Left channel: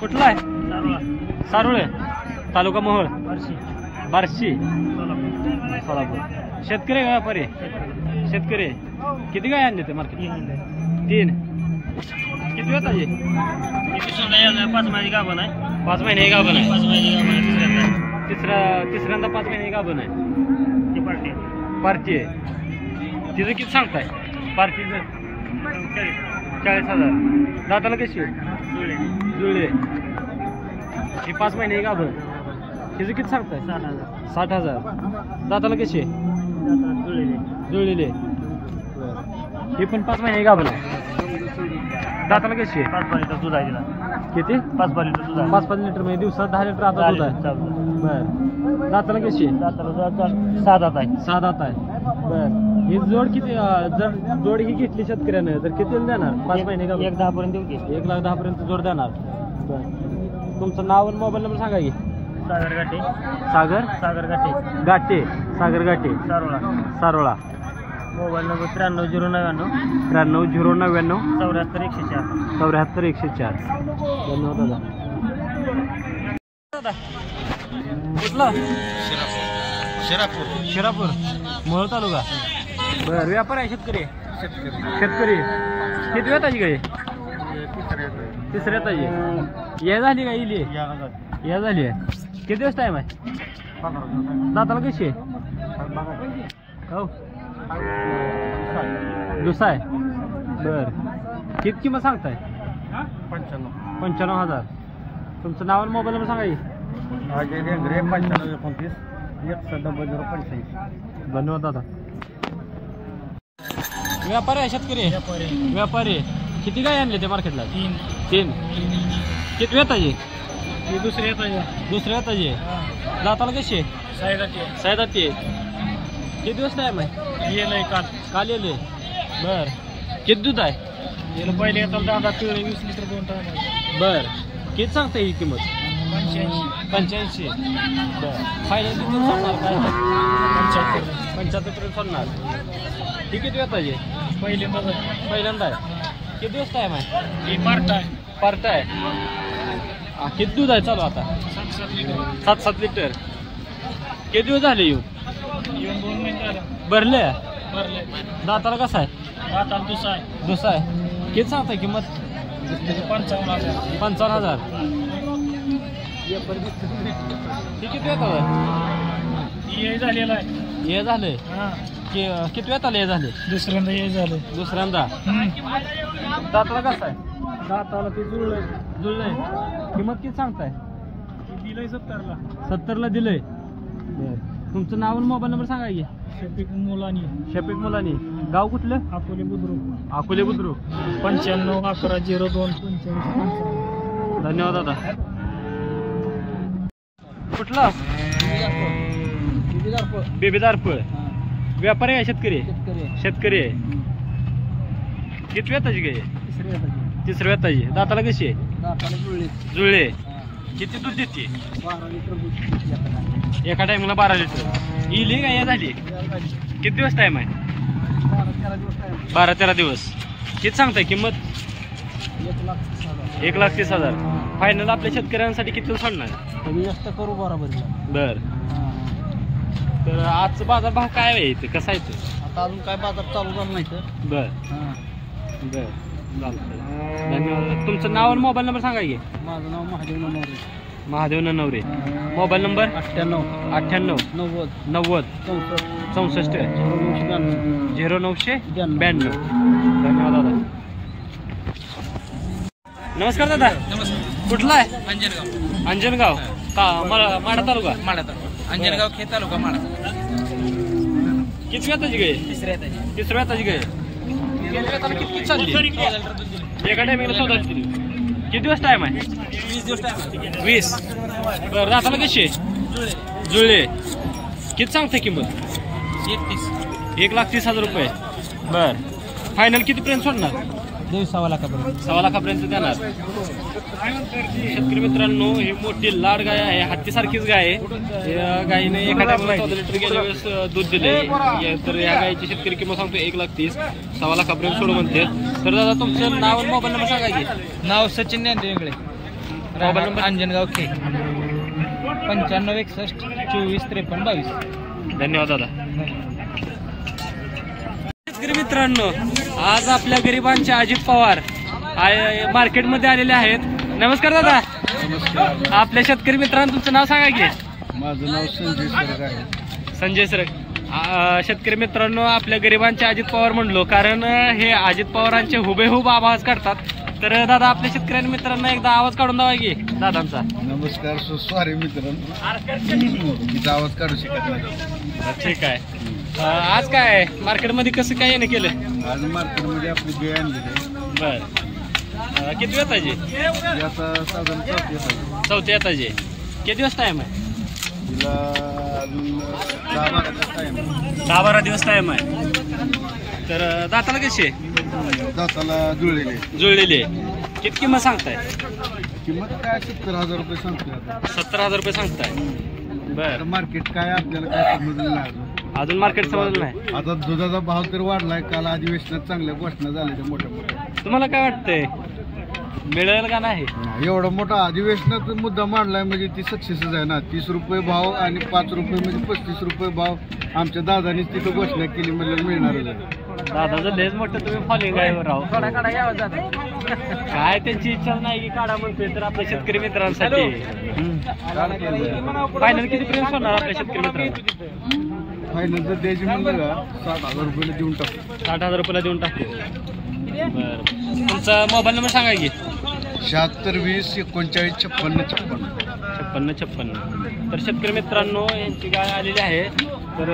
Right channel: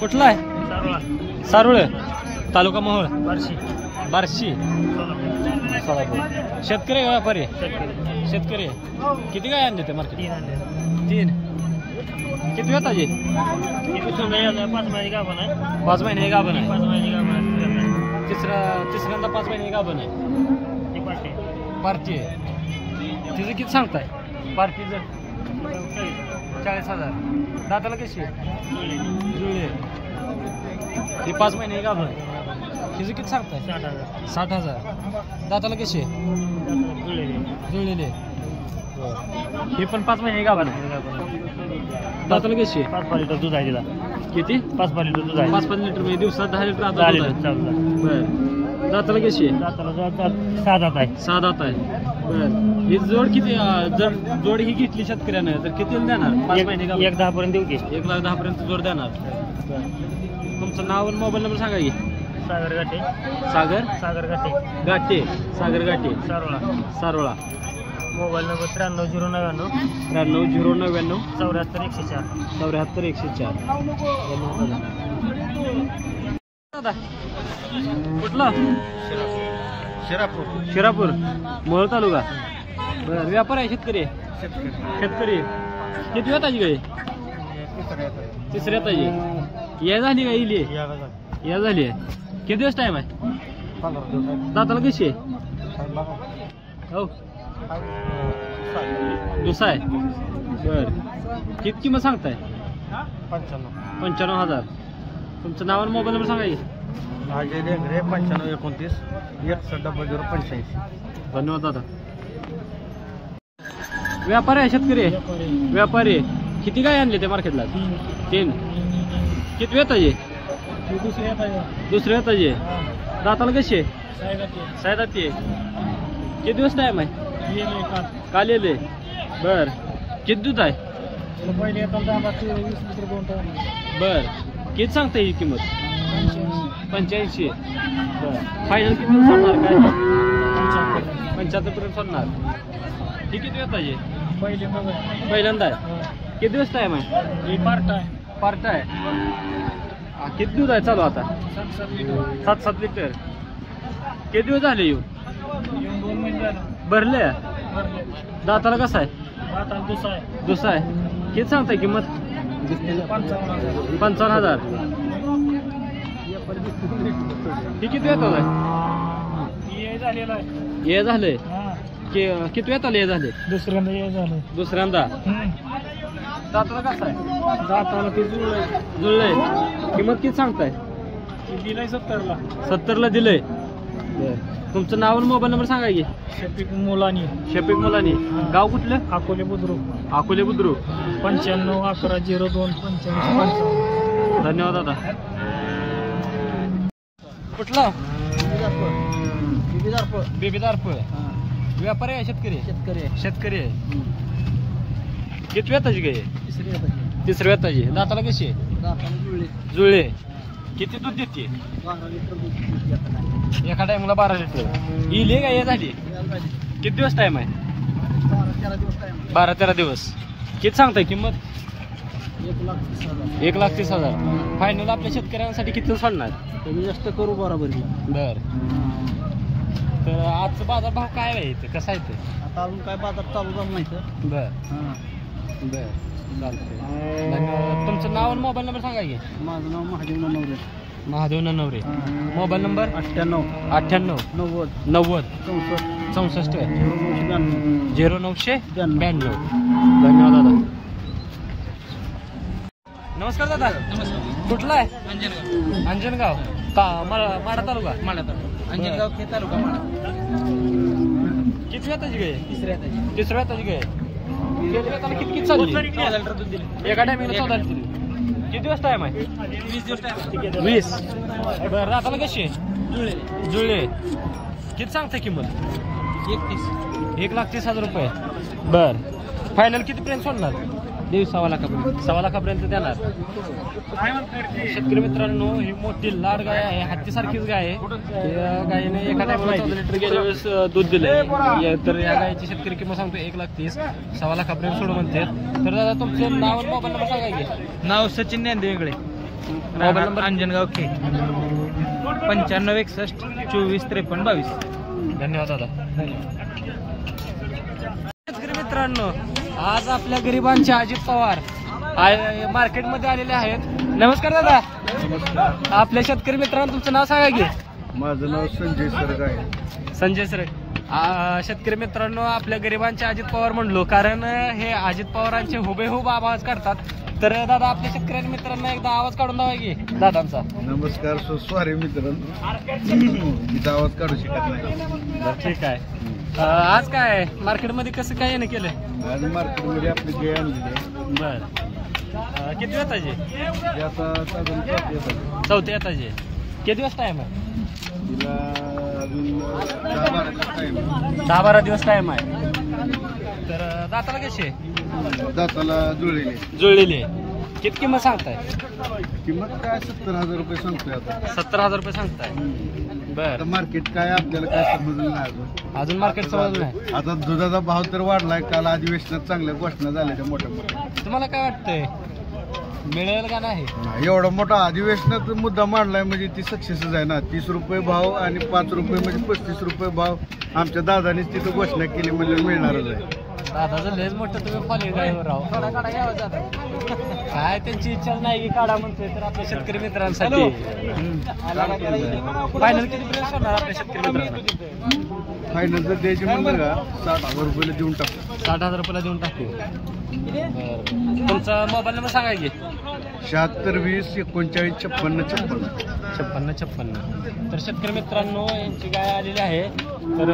कुठला आहे? सारुळ तालुका मोहोळ बार्शी शेतकरी आहे व्यापारी? शेतकरी. किती गाय आणली ते मार्केट? 3. किती वेळ ताजी? 5 महिने गाभण आहे. तिसऱ्यांदा 5 महिने गाभण आहे. पार्टी आहे. तिचं किती सांगताय? पार्टीचं 40,000. दाताला कशी जुळले? ही 5 महिने गाभण. तिचं किती सांगताय? 60,000. दाताला कशी जुळलेली? ही पण 5 महिने गाभण आहे. दाताला कशी? 5 लिटर दूध आहे. किती? 5 लिटर दूध आहे. 5 लिटर म्हणजे दिवसात 10 लिटर आता दूध आहे. बर. दाताला कशी? 6 दात आहे. 6 दात आहे. बर. ही जोड किती? जर जोड ही घेतली शेतकऱ्यानं तर किती देणार? 5 महिने का? 1,10 पर्यंत देऊ की? 1,10 पर्यंत जोड देणार. बर. तुमचं नाव आणि मोबाईल नंबर सांगा की. सागर गाठे. सागर गाठे सारोळा. Mobile number 93 099 74 104. धन्यवाद दादा. कुठलं? शिरापूर मोहोळ तालुका. बर. व्यापार आहे? शेतकरी. किती वेळ ताजी गाय? तिसऱ्या ताजी. या झाली का? इली या झाली आहे. किती दिवस टाइम आहे? दाताला कशी आहे? हो दुसरा आहे. बर. किती किंमत सांगताय? 95,000. तुमचं नाव आणि मोबाईल नंबर सांगा की. 9529 610085. धन्यवाद दादा. व्यापारी आहे? शेतकरी. व्यापारी. किती गाय आणले ते मार्केटला? 3. किती वेळ ताजी? दुसऱ्या ताजी. दाताला कशी आहे? 6 दाती. किती दिवस टाइम आहे? काल येले. बर. किती दूध आहे? पहिले येताना 20 लिटर 2 टाइम आहे. बर. किती सांगता ही किंमत? 85. फायनल किती सोडणार? काय 75 पर्यंत सोडणार. ही किती वेळ पाहिजे? पहिल्यांदा आहे. किती दिवस टाइम आहे? पार्ट आहे. किती दूध आहे चालू आता? 7 लिटर. किती दिवस झाले येऊन? 2 महिने झाले. भरले? दाताला कसं आहे? दाताला दुसरा आहे. किती सांगताय किंमत? 55,000. हे किती वेळ झाले? हे झाले. किती वेळ आले? झाले दुसऱ्यांदा. दाताला कसं आहे? दाताला जुळलंय. किंमत किती सांगताय? दिलंय 70ला दिलंय. तुमचं नाव आणि मोबाईल नंबर सांगा की. शफिक मुलानी. गाव कुठलं? अकोले बुद्रुक. 95 11 02 55. धन्यवाद दादा. कुठला? बेबीदारपूर. व्यापारी आहे? शेतकरी आहे. किती वेताची गाय? तिसऱ्या वेताची. दाताला कशी आहे? जुळले. किती दूध देते? एका टाइमला 12 लिटर. इले गाय झाली. किती दिवस टाइम आहे? 12-13 दिवस. किती सांगताय किंमत? 1,30,000. फायनल आपल्या शेतकऱ्यांसाठी किती सोडणार? कमी जास्त करू बरोबर. बर. तर आजचा बाजार भाव काय आहे? ते कसा आहे? आता अजून काय बाजार चालू झाला नाही तर. बर. बर. धन्यवाद. तुमचं नाव आणि मोबाईल नंबर सांगा की. माझं नाव महादेव ननवरे. Mobile number 98 90 64 0992. धन्यवाद दादा. नमस्कार दादा. नमस्कार. कुठला आहे? अंजनगाव. माडा तालुका. अंजनगाव खे तालुका माडा. किती वेताची गाय? तिसऱ्या वेताची गाय. किती चालली? एका टायमिंगला 14 दिली. किती दिवस टाइम आहे? 20 दिवस टाइम. 20. बरं. दाताला कशी आहे? जुळले. किती सांगते किंमत? 1,30,000 रुपये. बर. फायनल कितीपर्यंत सोडणार? 1.25 लाखापर्यंत देणार. शेतकरी मित्रांनो, ही मोठी लाड गाय आहे. हत्तीसारखीच गाय आहे. गायीने एखाद्या 14 लिटर गेल्या वेळेस दूध दिले. तर या गायीची शेतकरी किंमत सांगतो 1,30,000. 1.25 लाखापर्यंत सोडू म्हणते. तर दादा तुमचं नाव मोबाईल नंबर सांगा की. नाव सचिन ज्ञानदेव इंगळे. राहणार अंजनगाव खे 9561 24 53 22. धन्यवाद दादा. शेतकरी मित्रांनो, आज आपल्या गरिबांचे अजित पवार मार्केटमध्ये आलेले आहेत. नमस्कार दादा. नमस्कार. आपल्या शेतकरी मित्रांनो तुमचं नाव सांगा की. माझं नाव संजय सरग आहे. संजय सर. शेतकरी मित्रांनो, आपल्या गरिबांचे अजित पवार म्हणलो कारण हे अजित पवारांचे हुबेहूब आवाज काढतात. तर दादा आपल्या शेतकऱ्यांनी मित्रांना एकदा आवाज काढून द्यावा की दादांचा. नमस्कार. सॉरी मित्रांनो, तिचा आवाज काढू शकत नाही. ठीक आहे. आज काय मार्केटमध्ये कसं काय येणं केलं? आज मार्केटमध्ये आपली गाय आणलेली आहे. बर. किती येताचे? आता साधारण चौथी येतात. चौथ्या येताचे. किती दिवस टाइम आहे तिला? अजून 10-12 दिवस टाइम आहे. तर दाताला कशी दाताला जुळलेली. जुळलेली. किती किंमत सांगताय? किंमत काय 70,000 रुपये सांगतोय आता. 70,000 रुपये सांगताय. बर. मार्केट काय आपल्याला काय समजलं नाही अजून मार्केट समजलं नाही. आता दुधाचा भाव तर वाढलाय. काल अधिवेशनात चांगल्या घोषणा झाल्या त्या मोठ्या मोठ्या. तुम्हाला काय वाटतंय मिळेल का नाही? एवढा मोठा अधिवेशनात मुद्दा मांडलाय म्हणजे ती सक्सेसच आहे ना. 30 रुपये भाव आणि 5 रुपये म्हणजे 35 रुपये भाव आमच्या दादानी तिथं घोषणा केली म्हणजे मिळणारच आहे. दादाचं लेज मोठं तुम्ही फॉलोइंग आहे राव. काय त्यांची इच्छा नाही की काढा म्हणतोय. तर आपल्या शेतकरी मित्रांसाठी फायनल किती पर्यंत सोडणार आपल्या शेतकरी मित्रांना? फायनल जर द्यायची म्हणलं का 60,000 रुपयाला देऊन टाकू. 60,000 रुपयाला देऊन टाकू. बरं. तुमचा मोबाईल नंबर सांगा की. 76 20 39 56 56. 56. तर शेतकरी मित्रांनो, यांची गाय आलेली आहे. तर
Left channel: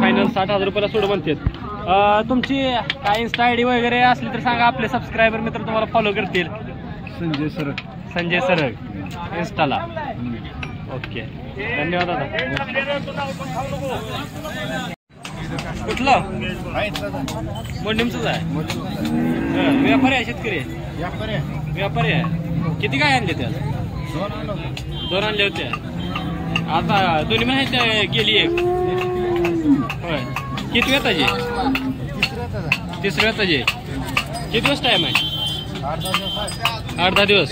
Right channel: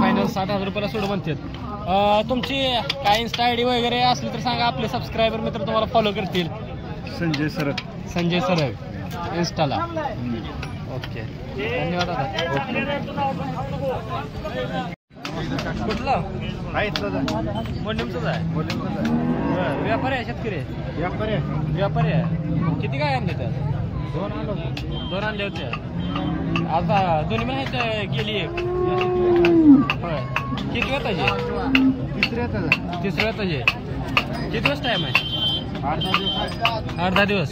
फायनल 60,000 रुपयाला सोड म्हणतात. तुमची काय इन्स्टा आयडी वगैरे असली तर सांगा. आपले सबस्क्रायबर मित्र तुम्हाला फॉलो करतील. संजय सरग. संजय सरग इन्स्टाला. ओके. धन्यवाद दादा. कुठलं? मोडीमचंच आहे. बरं. व्यापारी आहे शेतकरी? व्यापारी आहे. किती काय आणले त्या? 2 आणले होते. आता दोन्ही महिने गेली एक. होय. किती वेताचे? तिसऱ्या वेताचे. किती दिवस टाइम आहे? 8-10 दिवस.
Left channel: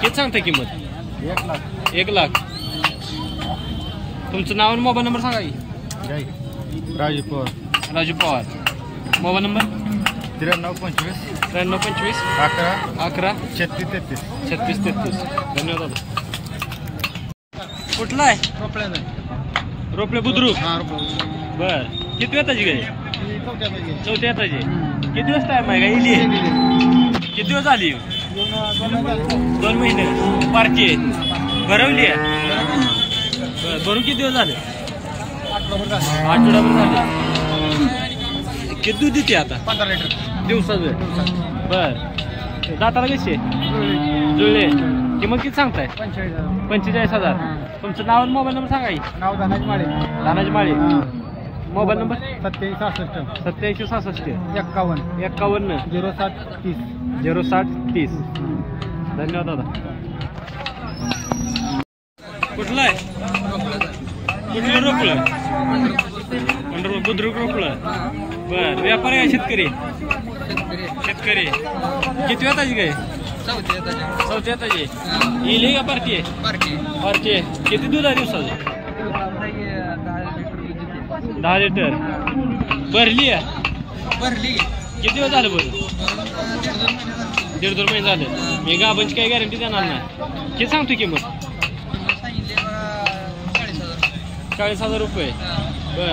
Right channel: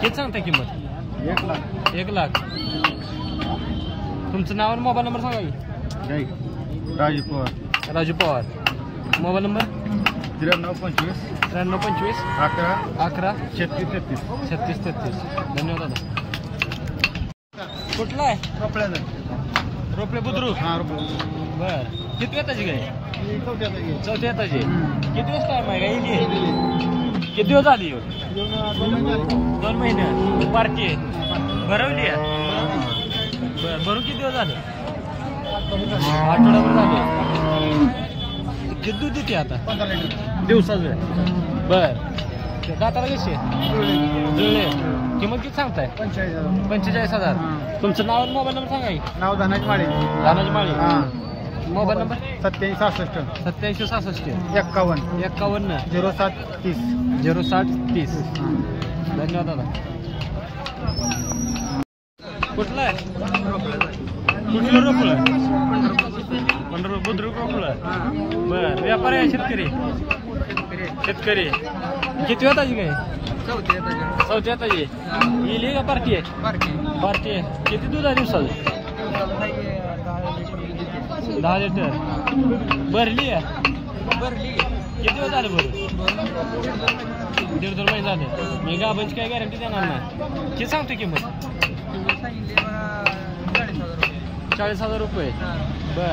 किती सांगता किंमत? 1 लाख. तुमचं नाव आणि मोबाईल नंबर सांगा की. राजू पवार. राजू पवार. Mobile number 93 25 93 25 11 11 36 33. 36 33. धन्यवाद दादा. कुठला आहे? रोपड्याचा. रोपले बुद्रुक. हा रोपडा. बर. किती येताची गाडी? चौथ्या येताची. किती दिवस टाइम आहे का? किती दिवस झाली? 2 महिने. पार्टी भरवली आहे. भरून किती दिवस झाले? आठवडाभर झाले. किती दूध देते आता? 15 लिटर दिवसाचं. बर. दाताला कशी? जुळले. किंमत किती सांगताय? 45,000. तुमचं नाव आणि मोबाईल नंबर सांगा की. नाव धनाजी माळे. धनाजी माळे. Mobile number 87 87 66 51 51 07 30 07 30. धन्यवाद दादा. कुठलं आहे? कुठलं रोपलं? बुद्रुक रोपलं. बर. व्यापारी आहे शेतकरी? शेतकरी. किती येताची काय? चौथ्या येताची. येईल का पार्टी आहे? पार्टी आहे. किती दूध आहे दिवसाची? 10 लिटर. भरली आहे? किती दिवस झाले भरून? 1.5-2 महिने झाले. मी गाबांची काही गॅरंटी देणार नाही. किती सांगतो किंमत? 40,000 रुपये. बर.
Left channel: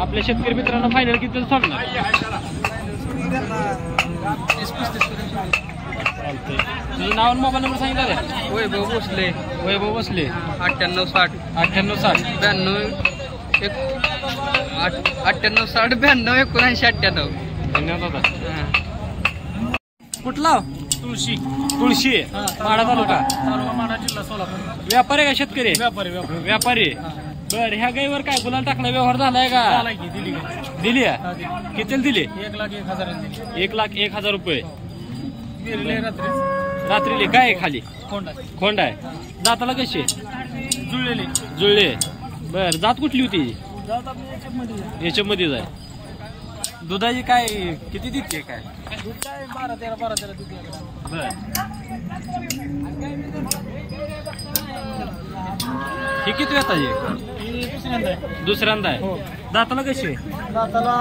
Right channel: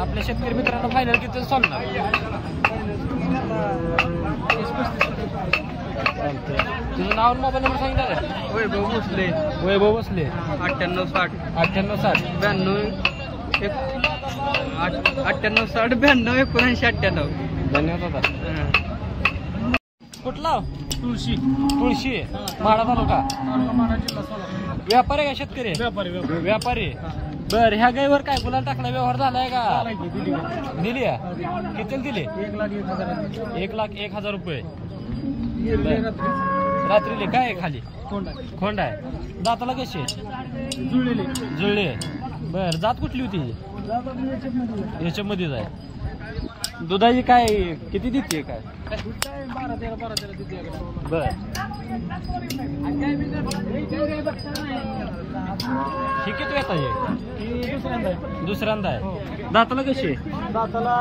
आपल्या शेतकरी मित्रांना फायनल किती सोडणार? चालतंय. तुझं नाव आणि मोबाईल नंबर सांगितलं रे? वैभव भोसले. वैभव भोसले. 98 60 98 60 98 60 92 79 98. धन्यवाद दादा. कुठला? तुळशी. माढा तालुका. माढा जिल्हा सोलापूर. व्यापारी का शेतकरी? व्यापारी. बर. ह्या गाईवर काय गुलाल टाकला व्यवहार झालाय का? दिली आहे. किती दिली? 1,01,000 रुपये. रात्रीले काय खाली? खोंड आहे. दाताला कशी? जुळले. बर. जात कुठली होती? याच्यामध्ये आहे. दुधाची काय किती देते काय? 12-13 देते. बर. किती वेताचे दुसऱ्यांदा आहे दाताला कशी आहे दाताला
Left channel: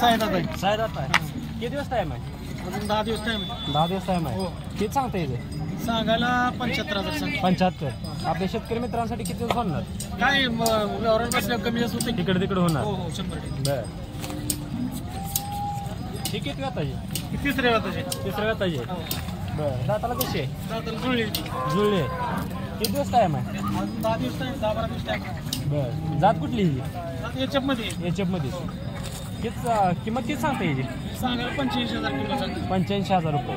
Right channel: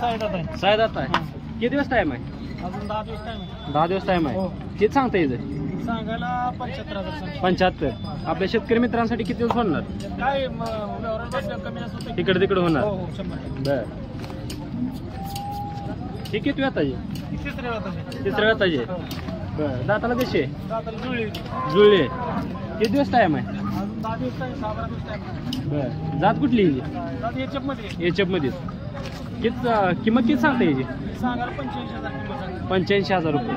6 दात आहे 6 दात आहे किती दिवस टाइम आहे अजून 10 दिवस टाइम 10 दिवस टाइम आहे किती सांगता येईल सांगायला 75,000 सांग 75 आपल्या शेतकरी मित्रांसाठी किती दिवस होणार काय व्यवहारात बसल्या कमी जास्त होते तिकडे तिकडे होणार हो 100% बर हे किती वेताचे तिसऱ्या वाताचे तिसऱ्या वेताचे बर दाताला कशी आहे दाताला जुळली जुळले किती दिवस टाइम आहे अजून 10 दिवस टाइम 10-12 दिवस टाइम बर जात कुठली ही दात याच्यात मध्ये एचएफ मध्ये किंमत किती सांगता याची सांगायला 85,000 किंमत सांग 85,000 रुपये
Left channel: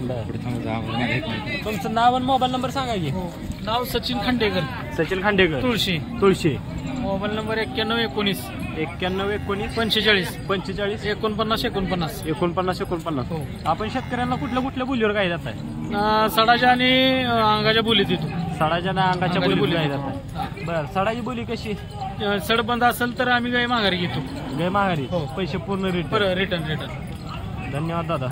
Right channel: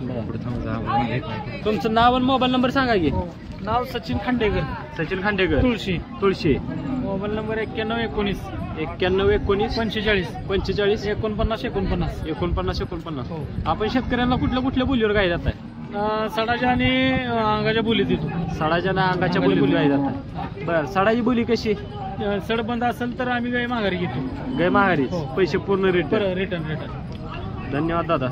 बरं तुमचं नाव आणि मोबाईल नंबर सांगा की नाव सचिन खांडेकर सचिन खांडेकर तुळशी तुळशी मोबाईल नंबर 9119 9119 45 45 49 49 49 हो. आपण शेतकऱ्यांना कुठल्या बोलीवर काय जात आहे सडाच्या आणि अंगाच्या बोलीत येतो सडाच्या ना अंगाच्या अंगाच्या बोली बोलीत. जातात बरं सडाची बोली कशी सड बंद असेल तर आम्ही गाय माघारी घेतो गाय महागारी हो. पैसे पूर्ण रेट रिटर्न धन्यवाद दादा